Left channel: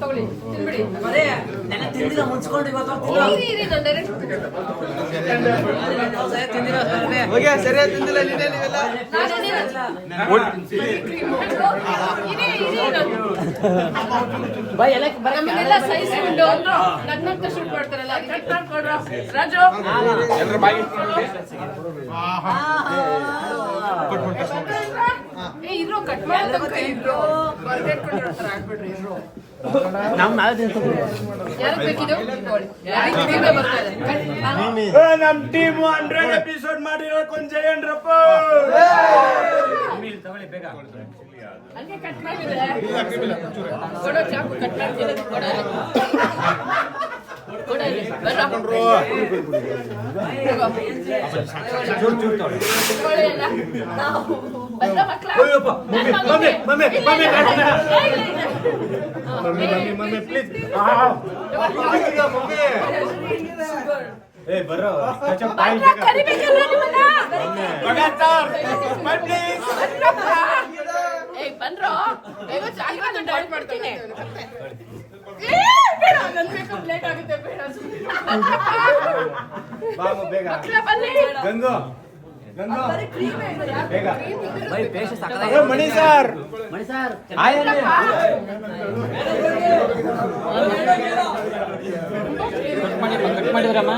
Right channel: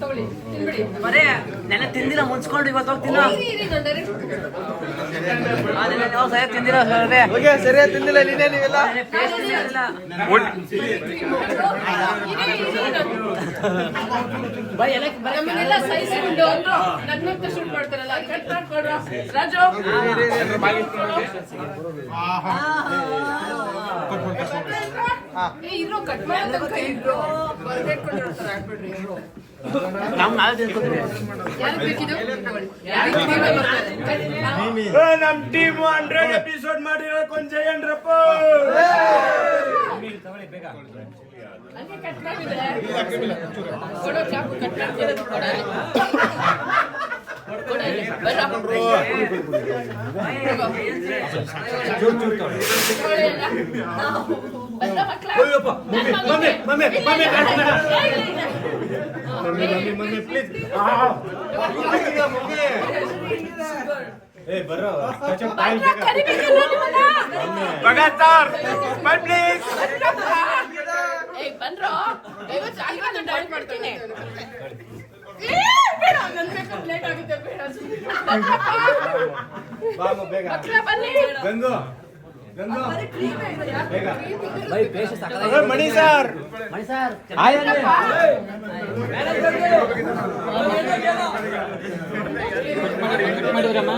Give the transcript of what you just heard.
ತಗೊಳ್ಳಿ ತಿನ್ಬಿಡಿ. ನೆನೆ ತಿಂದಿಲ್ಲ ಮುಚ್ಕೊಂಡು ಇವತ್ತು ಸರಿಯಾಗಿ ತಿಂದಿಲ್ಲ ನಮ್ಮನ್ನೆಲ್ಲ ಸಹಿಸ್ಕೊಂಡು ನಗ್ನಗ್ತಾ ಶೂಟ್ ಮಾಡ್ತಾರಲ್ಲ ಅದಕ್ಕೆ ಮಾಡ್ಕೊಡ್ರು ರಾಜು. ಇರೋ ಕಟ್ ಮಾಡೋದಕ್ಕೆ ಇಬ್ರು ಬರ್ದೇಟ್ಕೊಂಡಿರ್ತಾರೆ ಆಗ್ಬಿಡ್ರಿ ಇಬ್ರು. ಯಾರು ಬೇಕಿದು ನಮ್ ಟೀಮ್ 100 ಎಪಿಸೋಡ್ ಮಾಡಿರೋ ಕೊಂಚ ಏನ್ರಪ್ಪ ಹಂಗೆ ಕಟ್ ಮಾಡಿದ್ರೆ ಕೊಡೋ ಚಾಕು ಕಟ್ ಮಾಡ್ತಿರೋದು ಮಮ್ಮಿ ಪ್ಲೀಸ್ ಏ ಬರೋ ಬಂದ್ರೋ ಮಾಡ್ತೀನಿ. ಲೇಟ್ ಆಗುತ್ತೆ ಬೇಡ ಗಂಗು ಮಣಿ ಸರ್ ಮಾಡಿದ್ರಮ್ಮ